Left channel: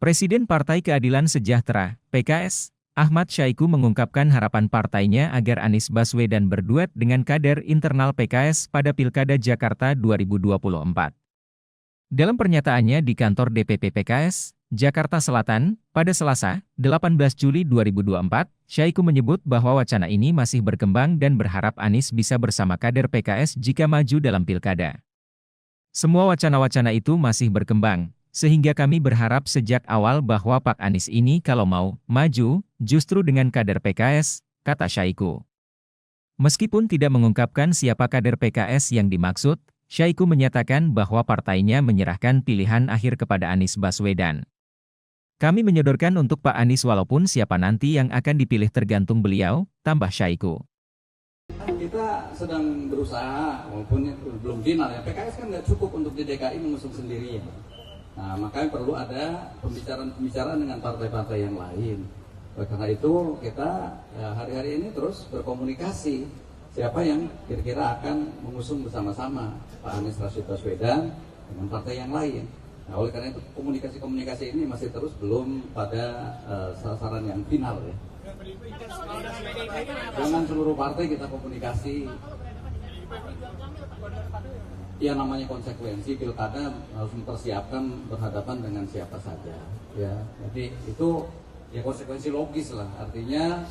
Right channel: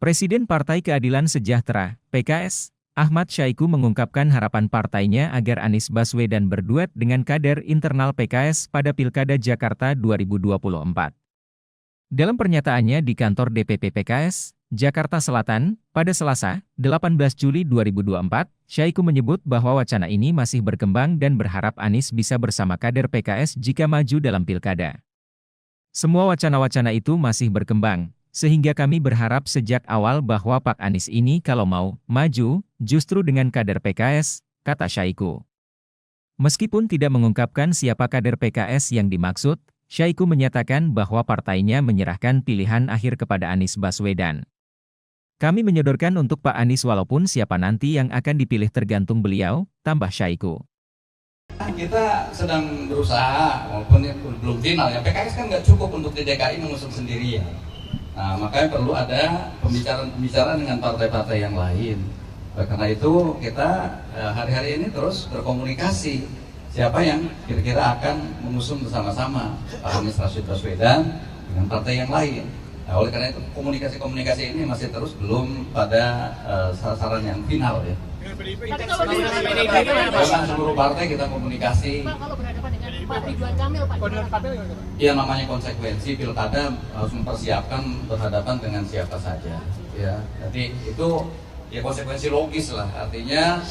Presiden Partai Keadilan Sejahtera, PKS, Ahmad Syaiqo mengungkapkan harapan partainya agar Anies Baswedan berduet dengan kader internal PKS pada Pilkada Jakarta 2024. Dalam pernyataannya di kantor DPP PKS, Jakarta Selatan, pada Selasa, 18 Juli 2024, Syaiqo menyebut bahwa wacana ini masih berkembang dan berharap Anies bisa bersama kader PKS jika maju dalam Pilkada. Semua wacana-wacana itu masih berkembang, sehingga kami berharap sejak awal bahwa Pak Anies ini kalau mau maju, justru dengan kader PKS, kata Syaiqo. Meskipun tidak mengungkapkan siapa kader PKS yang dimaksud, Syaiqo menyatakan bahwa partainya menyerahkan pilihan akhir kepada Anies Baswedan. Kami menyodorkan untuk Pak Anies walaupun siapa nanti yang akan dipilih tergantung beliau, tambah Syaiqo. Kita sedang berusaha, walaupun belum final ya, PKS kan nggak cukup untuk di DKI mengusung sendirian. Nah, makanya perlu ada pembicaraan dengan partai-partai yang lain. Karena itu kita hari-hari ini terus berkomunikasi siapa yang kira-kira akan mengusung bersama-sama Pak Anies Rashid Baswedan dengan partai yang lain. Nah, oleh karena itu komunikasi ini masih terus belum pada sasaran yang final ya. Tapi kalau dengan PDIP, Dengan seluruh partai kita komunikasi. Pak, kalau berhadapan dengan Pak Ridwan Kamil, Pak. Ya namanya konsekuensi pilkada harus mempersiapkan berhadapan dengan siapa saja. Ya, jadi itu ya konsekuensi logis lah. Artinya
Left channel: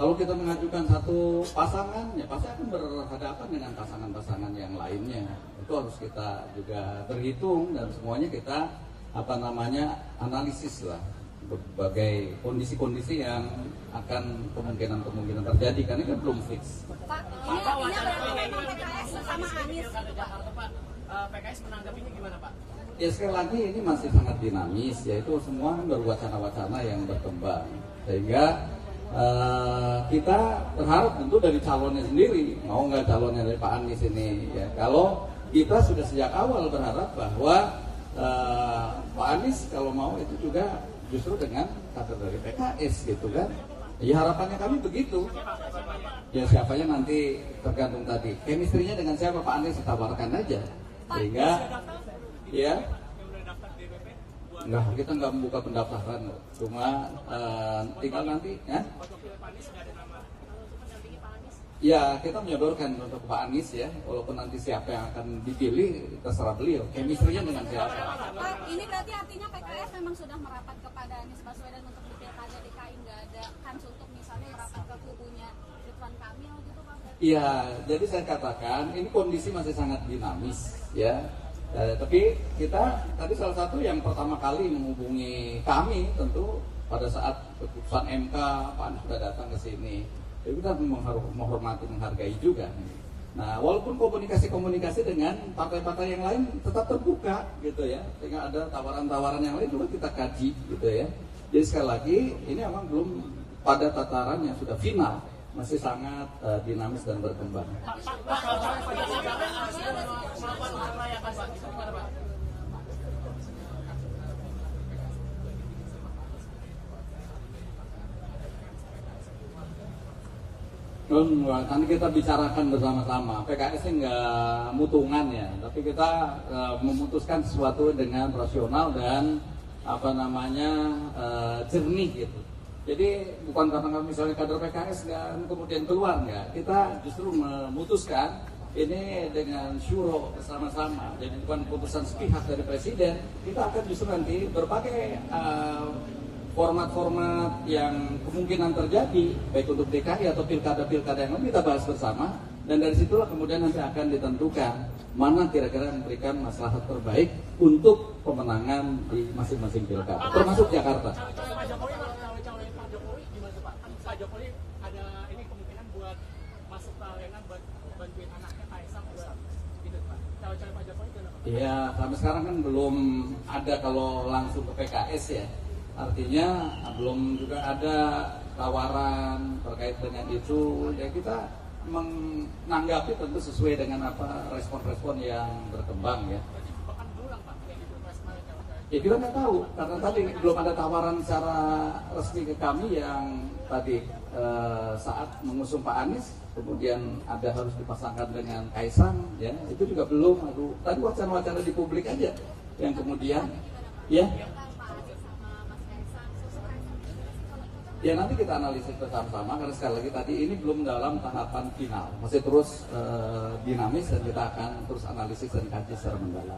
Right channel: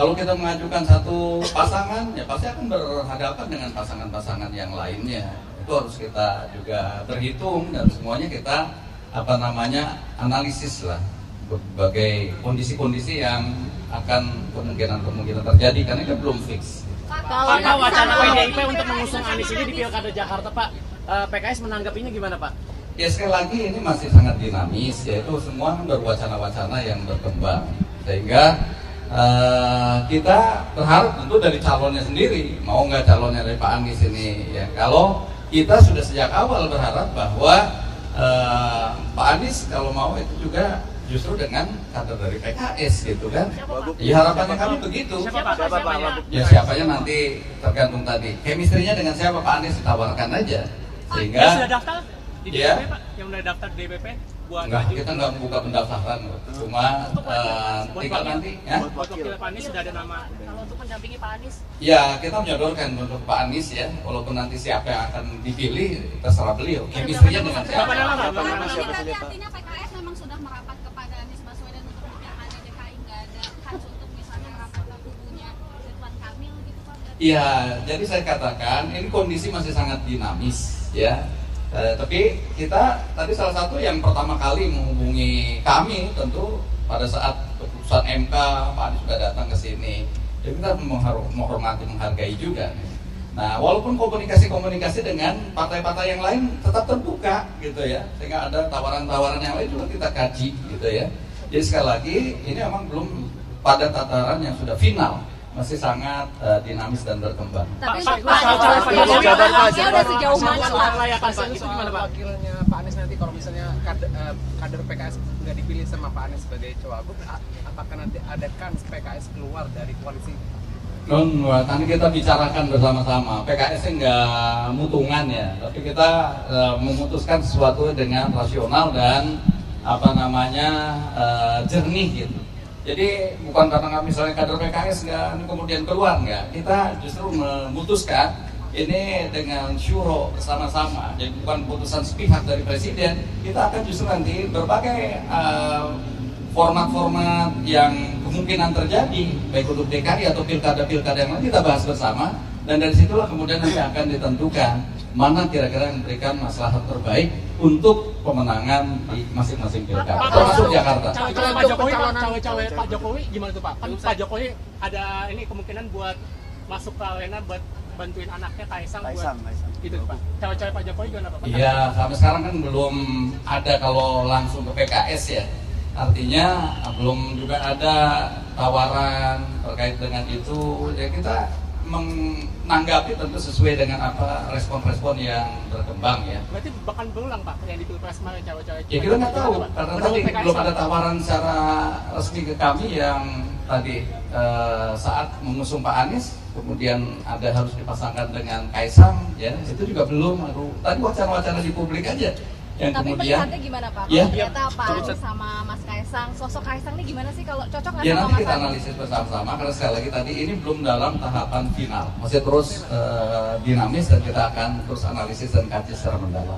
kalau kita mengajukan satu pasangan, ya pasti akan berhadapan dengan pasangan-pasangan yang lainnya. Itu harus kita juga berhitung dan semuanya kita analisis lah berbagai kondisi-kondisi yang akan kemungkinan terjadi karena itu belum fix. Pak, wacana PDIP untuk mengusung Anies ini di Pilkada Jakarta, Pak, PKS menanggapinya gimana, Pak? Ya sekali lagi ini masih sangat dinamis, yaitu semua baru wacana-wacana yang berkembang. Sehingga kita berharap tentu dari calonnya sendiri, mau nggak calonnya dari Pak Anies ini. Ya, kalau kita sudah sejak awal berharap bahwa Pak Anies kalau mau itu juga justru dengan kader dari PKS gitu kan. Ya harapannya kami begitu. Ya siapanya nanti tergantung tadi. Chemistry-nya dengan siapa Pak Anies ditawarkan aja. Sehingga Yang sudah daftar di ya, DPP, Pak? Yang sudah daftar di DPP? Enggak, kita nggak membuka pendaftaran. Cuma tinggal nanti ya. Buat wakil Pak Anies sudah ada nama. Kalau untuk mendampingi Pak Anies, Ya kita menyodorkan untuk Pak Anies ya. Walaupun nanti siapa yang akan dipilih terserah beliau. Chemistry-nya dengan siapa. Berarti artinya PKS memang sudah merapat kepada Anies Baswedan untuk menjadi DKI, nggak ada kans untuk misalnya merapat ke kubunya Ridwan Kamil gitu Pak? Iya, jadi saya katakan ini kondisi masih sangat dinamis ya. Tapi kita tadi salah satu yang pertama kali menghubungi kami tentu pada saat keputusan MK Pak Anies sudah datang ke sini. Jadi kita menghormati, menghargai juga. Nah, walaupun komunikasi dengan partai-partai yang lain tetap terbuka gitu ya, sehingga ada tawaran-tawaran yang lain juga kita kaji gitu ya. Jadi sekali lagi ini memang belum pada tataran yang sudah final, masih sangat dinamis dan berkembang. Tapi Pak, udah sejauh mana Pak? Layakan Pak, itu gimana Pak? Wakilnya Pak Anies nanti kalau misalnya kader PKS nggak dipilih sama Pak Anies sebagai cawagup, apakah nanti ada kans PKS keluar dari koalisi? Nanti kita bicarakan bersama-sama. PKS nggak mutungan ya, tapi kita memutuskan sesuatu dengan rasional dan jernih gitu. Jadi bukan karena misalnya kader PKS nggak kemudian keluar nggak, kita justru memutuskan ini dengan syuro bersama-sama. Jadi bukan putusan sepihak dari presiden, kita akan justru nanti berbagai format-format yang kemungkinan terjadi baik untuk DKI atau pilkada-pilkada yang lain kita bahas bersama, dan dari situlah kemudian nanti akan ditentukan mana kira-kira yang memberikan maslahat terbaik untuk pemenangan di masing-masing pilkada termasuk Jakarta. Cawe-cawe Pak Jokowi, cawe-cawe Pak Jokowi gimana tuh Pak? Kan Pak Jokowi ada ini kemungkinan buat masuk ke arena buat bantuin anaknya Kaisang buat gitu Pak. Cawe-cawe Pak Jokowi gimana Pak? Iya, sampai sekarang kan belum ada kalau langsung ke PKS ya. Artinya belum juga ada tawaran terkait dengan itu. Ya kita menanggapi tentu sesuai dengan apa respon-respon yang berkembang ya. Berarti bahkan berulang Pak yang di Pilpres kemarin cawe-cawe. Ya kita nggak tahu karena tadi belum ada tawaran secara resmi ke kami yang tadi saat mengusung Pak Anies kemudian ada harus dipasangkan dengan Kaisang ya itu juga belum. Tadi wacana-wacana di publik aja Yang Tapi kemudian melihatnya gimana Pak? Ya. Kalau ternyata Pak Anies sama Mas Kaisang, sosok Kaisang ini gimana sih kalau cocok nggak ya sama nanti Mas kita Anies? analisis bersama-sama karena sekali lagi tadi ini belum dalam tahapan final, masih terus dinamis dan kita akan terus analisis dan kaji secara mendalam.